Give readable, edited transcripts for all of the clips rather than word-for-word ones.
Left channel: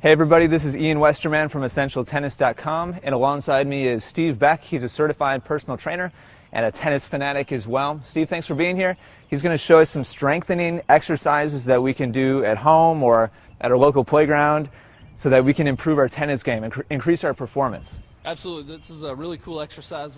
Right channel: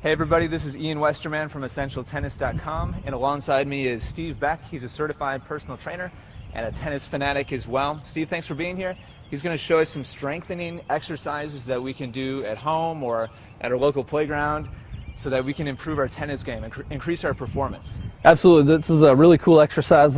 Hey everybody, this is Ian Westerman from EssentialTennis.com, and alongside me is Steve Beck. He's a certified personal trainer and a tennis fanatic as well. Steve, thanks for being here. He's going to show us some strengthening exercises that we can do at home or at our local playground so that we can improve our tennis game and increase our performance. Absolutely. This is a really cool exercise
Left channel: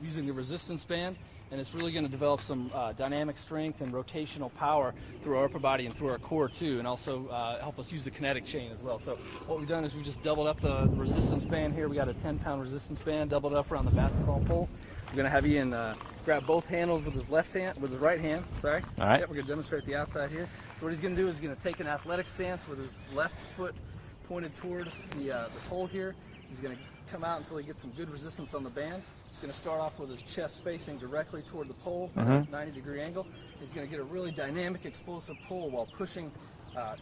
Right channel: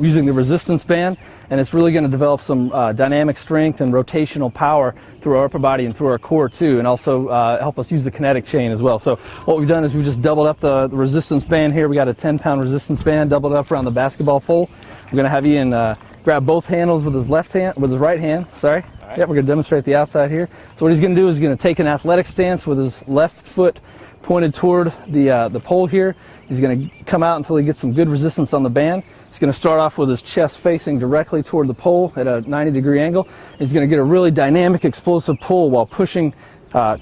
using the resistance band, and it's really going to develop some dynamic strength and rotational power through our upper body and through our core too, and also help us use the kinetic chain as well. So what we've done is we just doubled up the resistance band here. We got a 10-pound resistance band doubled up around the basketball pole. We're going to have Ian grab both handles with his right hand. Sorry. All right. Yep, we're going to demonstrate the outside here. So what he's going to do is he's going to take an athletic stance with his left foot pointed toward the pole here. He's going to come out until he gets some good resistance on the band. He's going to start off with his chest facing directly toward the pole at a 90-degree angle. He's going to get a really dynamic, explosive pull while pushing,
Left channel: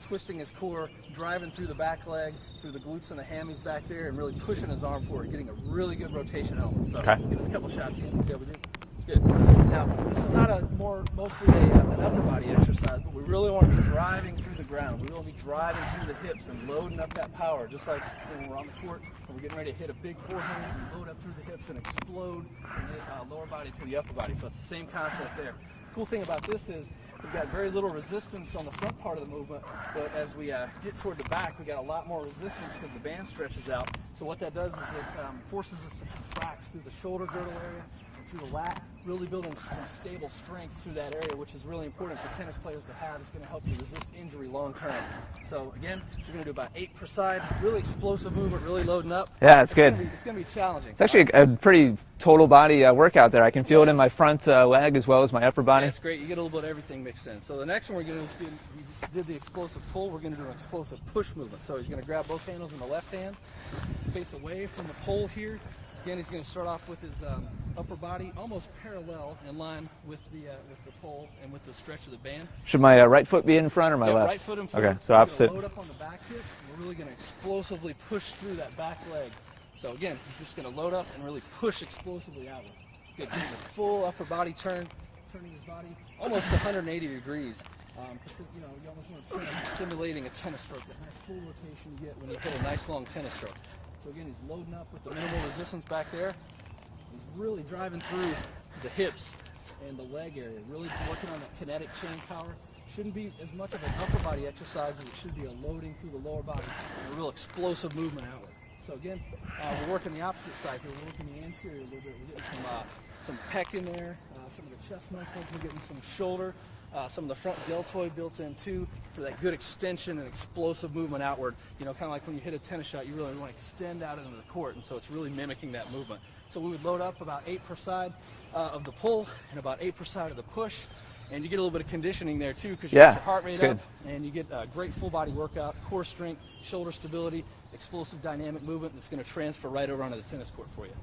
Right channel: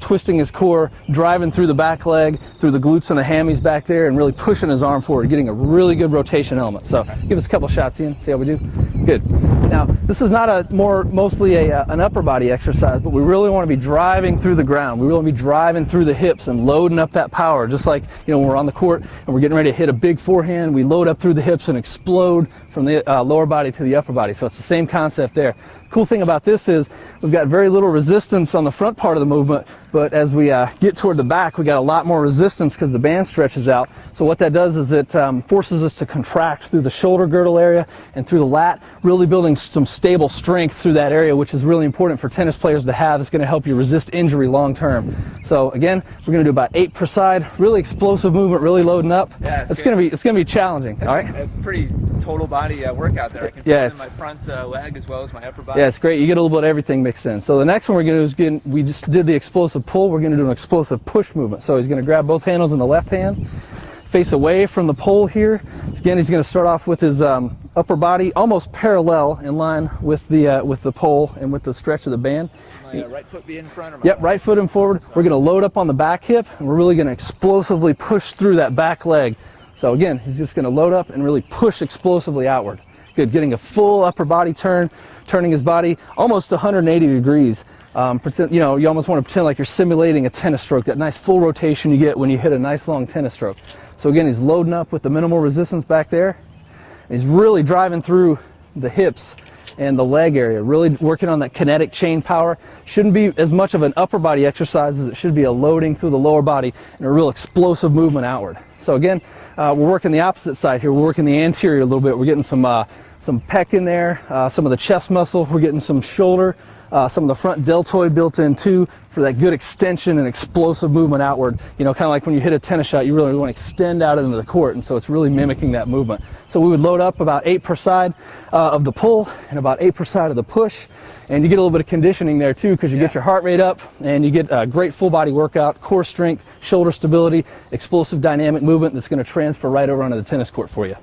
twisting his core, driving through the back leg, through the glutes and the hammies back there, and really pushing his arm forward, getting a really good rotation element. So give us a couple shots, Ian, see how we do. Good. Now, this is not mostly an upper body exercise, but we really want to be driving through the ground. We really want to be driving through the hips and loading up that power, just like when we're on the court and we're getting ready to hit a big forehand, we load up through the hips and explode from the lower body to the upper body. So it's the same concept there. Cool thing about this is we've got very little resistance on the front part of the movement, but as we get toward the back, we got a lot more resistance because the band stretches out. So what that does is it forces us to contract through the shoulder girdle area and through the lat, really building some stable strength through that area, which is really important for tennis players to have. It's going to help you resist injury long term. So again, we're going to do about 8 per side, really explosive movement, really loading up. Yeah, it's going to be challenging. It's actually a pretty total body workout there. I can feel it in my front leg as well as my upper body. Yeah, it's great. You get a little bit of everything mixed in. So the next one we're going to do is we just did the explosive pull. We're going to do an explosive push movement. So he's going to grab both handles in the left hand, face away from the pole here. Again, he's going to start off with his upper body almost parallel in line with the pole and with the stretch of the band. Should my right foot be in front or my left? Right foot in forward. Okay, so we're going to load up on the back hip, and we're really going to explosively push through that back leg. So again, he's just going to load up and really push explosively outward. Good, getting a full upper body turn, turning his body almost 180 degrees. You almost want to pretend like you're simulating a tennis stroke, that nice full rotation you get when you hit a nice long tennis stroke. So again, he's loading up with the minimal resistance back there. He's really driving through the hips and the leg area, really working on that kinetic chain power. Shouldn't be as much of an upper body exercise as it should be a loading through the lower body and a real explosive movement outward. So again, we're working the opposite side here. We're working the anterior a little bit. We're getting some pec in there, some of the chest muscle. We're getting some shoulder, some of the front deltoid built in too for that good extension and explosive movement outward. Kind of like when you hit a tennis shot, you really want to extend out into the court, and so it's really mimicking that movement. So we would load up about 8 per side of the pull and about 8 per side of the push, and you get a little bit of conditioning there too because you get your heart rate up and you get a great full body workout, core strength, shoulder stability, explosive dynamic movement that's going to transfer right over onto the tennis court for you.